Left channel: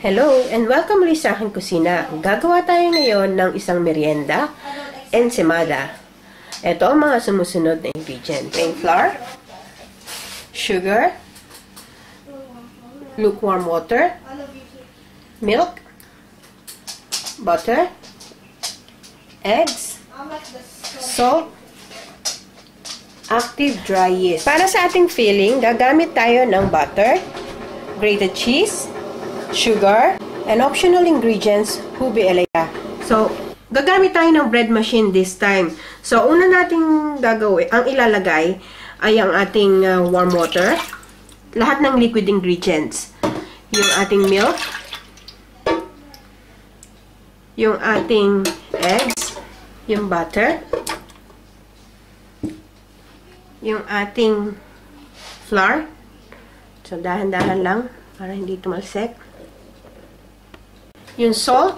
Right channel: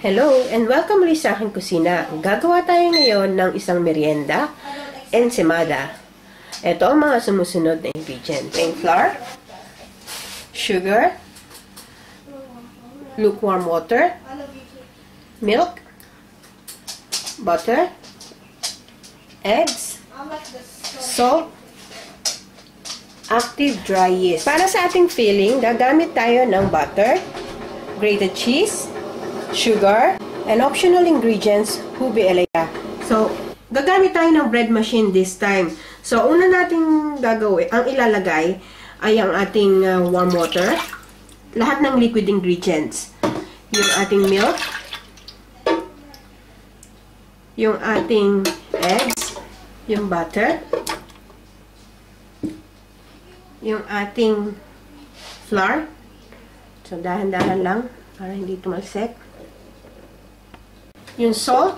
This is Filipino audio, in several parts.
Hello and welcome ulit sa aking kusina. Gagawa tayo ngayon ng isang merienda, ensaymada. Ito ang mga sumusunod na ingredients. Plain flour, sugar, lukewarm water, milk, butter, eggs, salt, active dry yeast. Para sa ating filling, gagamit tayo ng butter, grated cheese, sugar, and optional ingredients, ube elaya. So, gagamit tayo ng bread machine this time. So, una nating gagawin, ang ilalagay ay ang ating warm water, lahat ng liquid ingredients, yung ating milk, yung ating eggs, yung butter, yung ating flour. So, dahan-dahan lang para hindi tumalsik. Yung salt.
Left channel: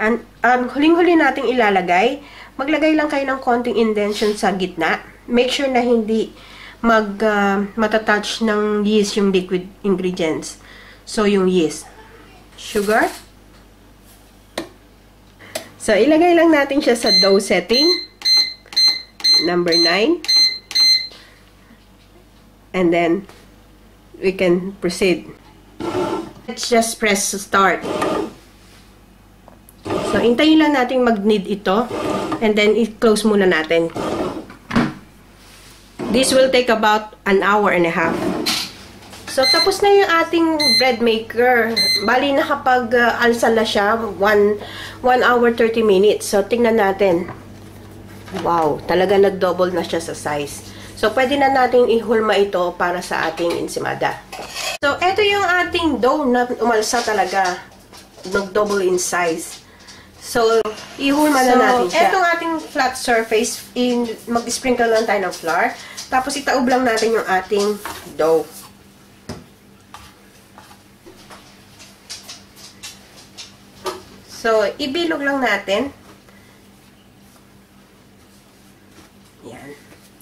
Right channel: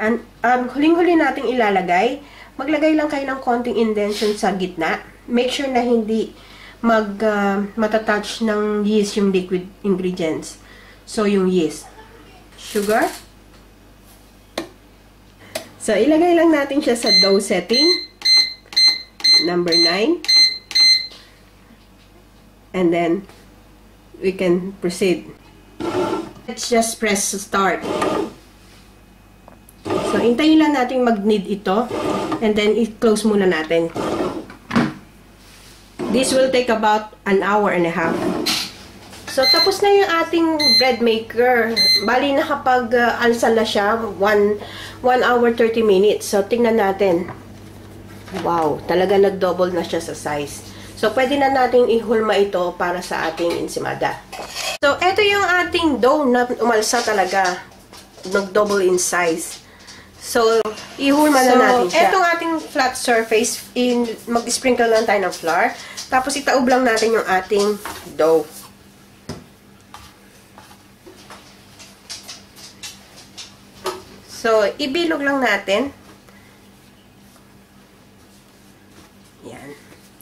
And huling-huli nating ilalagay, maglagay lang kayo ng konting indentation sa gitna. Make sure na hindi matatouch ng yeast yung liquid ingredients. So, yung yeast. Sugar. So, ilagay lang natin siya sa dough setting. Number 9. And then, we can proceed. Let's just press start. So, hintayin lang natin mag-knead ito. And then, i-close muna natin. This will take about an hour and a half. So, tapos na yung ating bread maker. Bali, nakapag-alsa na siya. 1 hour 30 minutes. So, tingnan natin. Wow, talaga nag-double na siya sa size. So, pwede na natin ihulma ito para sa ating ensaymada. So, ito yung ating dough na umalsa talaga. Nag-double in size. So, ihulma na natin siya. Itong ating flat surface, mag-sprinkle lang tayo ng flour. Tapos, itaob lang natin yung ating dough. So, ibilog lang natin. Yan.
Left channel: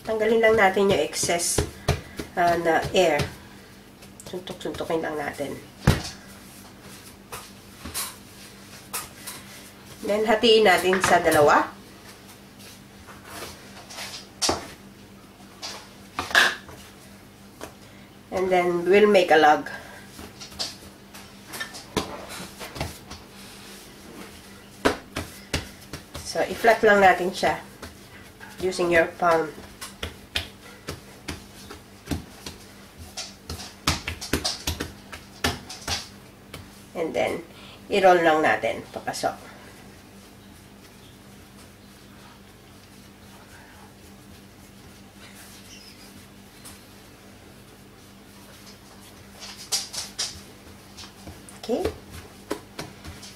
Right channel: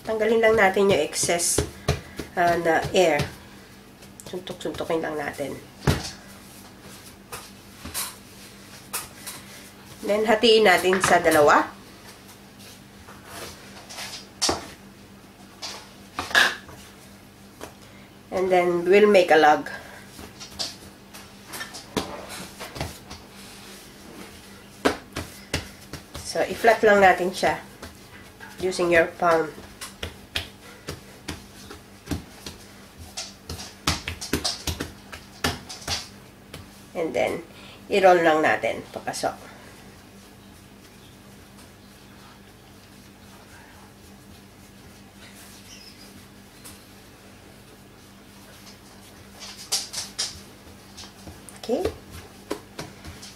Tanggalin lang natin yung excess na air. Suntok-suntokin lang natin. Then, hatiin natin sa dalawa. And then, we'll make a log. So, i-flat lang natin siya using your palm. And then, i-roll lang natin papasok. Okay?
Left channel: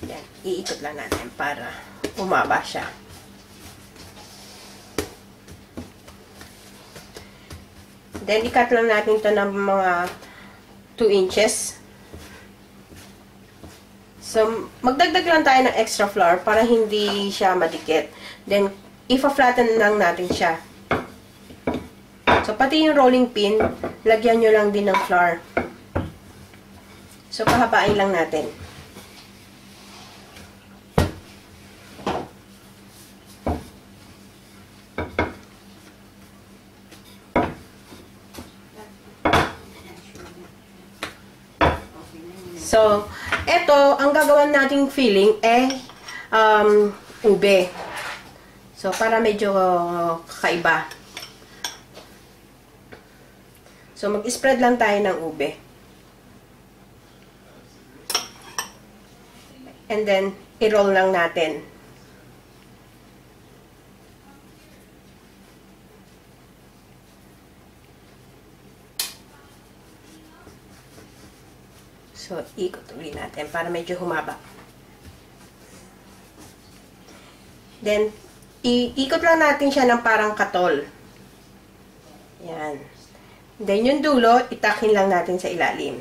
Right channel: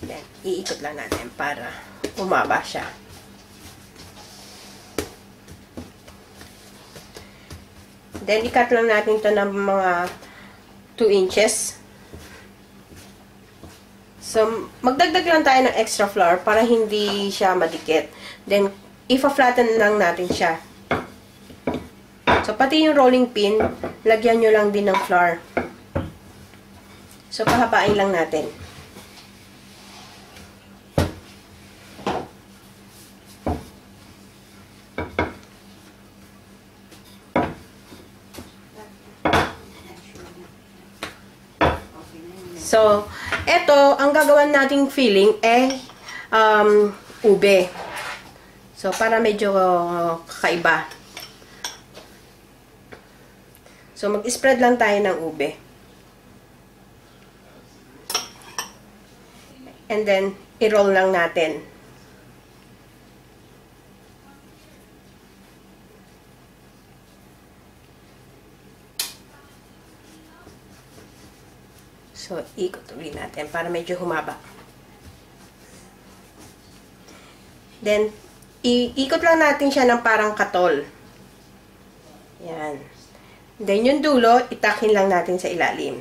Then, iikot lang natin para umaba siya. Then, i-cut lang natin ito ng mga 2 inches. So, magdagdag lang tayo ng extra flour para hindi siya madikit. Then, ipa-flatten lang natin siya. So, pati yung rolling pin, lagyan nyo lang din ng flour. So, pahabain lang natin. So, eto, ang gagawin nating filling ube. So, para medyo kakaiba. So, mag-spread lang tayo ng ube. And then, i-roll lang natin. So, ikot ulit natin para medyo humaba. Then, iikot lang natin siya ng parang katol. Yan. Then, yung dulo, itakin lang natin sa ilalim.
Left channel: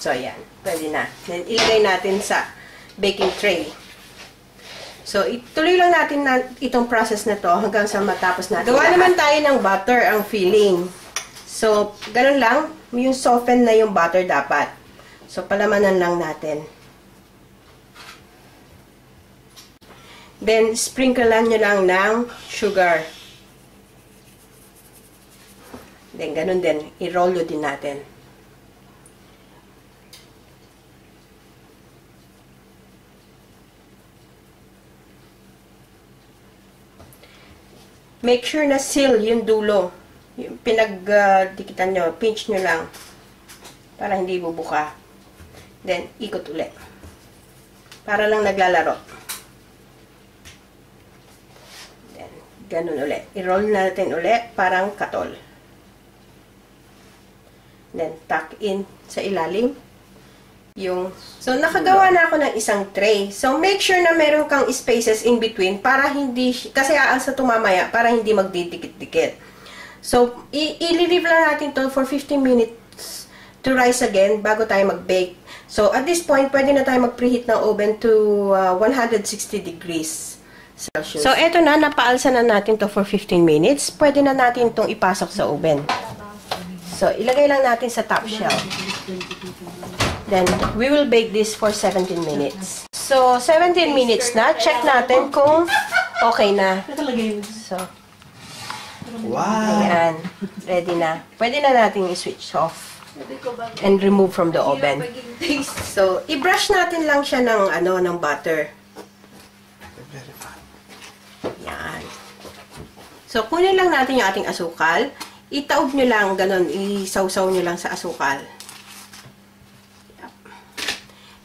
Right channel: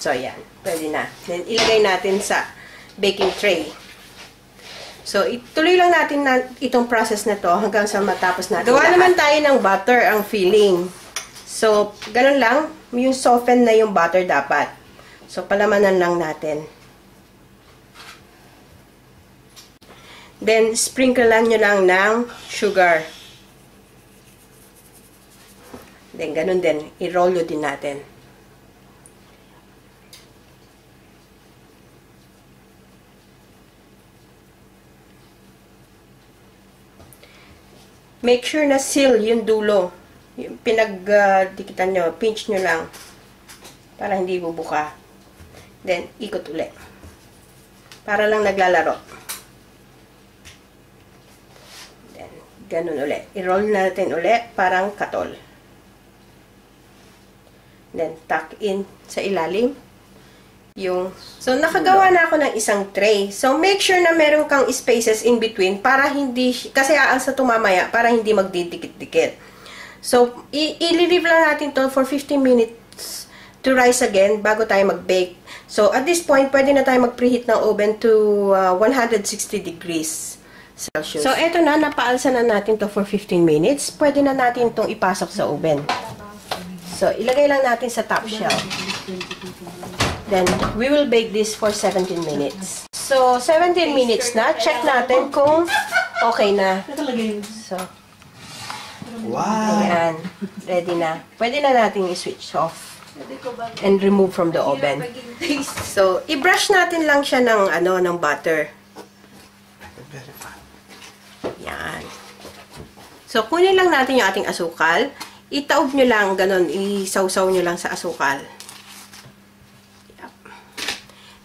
So, yan. Pwede na. Then, ilagay natin sa baking tray. So, ituloy lang natin itong process na to hanggang sa matapos natin. Gawa naman tayo ng butter ang filling. So, ganun lang. Yung soften na yung butter dapat. So, palamanan lang natin. Then, sprinklean nyo lang ng sugar. Then, ganun din. I-roll din natin. Make sure na seal yung dulo. Yung pinagdikitan nyo, pinch nyo lang. Para hindi bubuka. Then, ikot ulit. Para lang naglalaro. Then, ganun ulit. I-roll natin ulit, parang katol. Then, tuck in sa ilalim. So, nakagawa na ako ng isang tray. So, make sure na meron kang spaces in between para hindi, kasi aalsa tumamaya, para hindi magdidikit-dikit. So, i-leave lang natin to for 15 minutes to rise again bago tayo mag-bake. So, at this point, pwede na tayo mag-preheat ng oven to 160 degrees Celsius. So, eto na, napaalsa na natin to for 15 minutes. Pwede na natin itong ipasok sa oven. So, ilagay lang natin sa top shelf. Then, we will bake this for 17 minutes. So, 17 minutes na. Check natin kung okay na. So, wow! ayan. Ready na. Pwede na natin i-switch off and remove from the oven. So, i-brush natin lang siya ng butter. Yan. So, kunin lang natin yung ating asukal. Itaob nyo lang, ganun. Isawsaw nyo lang sa asukal.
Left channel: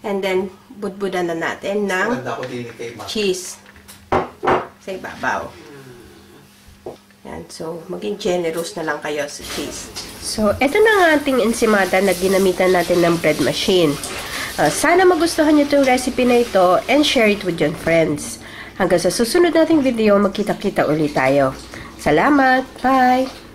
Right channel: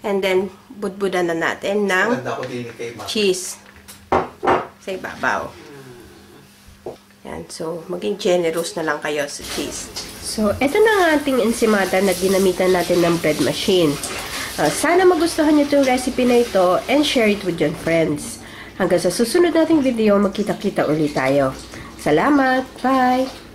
And then, budbudan na natin ng cheese sa ibabaw. Yan. So, maging generous na lang kayo sa cheese. So, eto na ang ating ensimada na ginamitan natin ng bread machine. Sana magustuhan nyo itong recipe na ito and share it with your friends. Hanggang sa susunod nating video, magkita-kita ulit tayo. Salamat! Bye!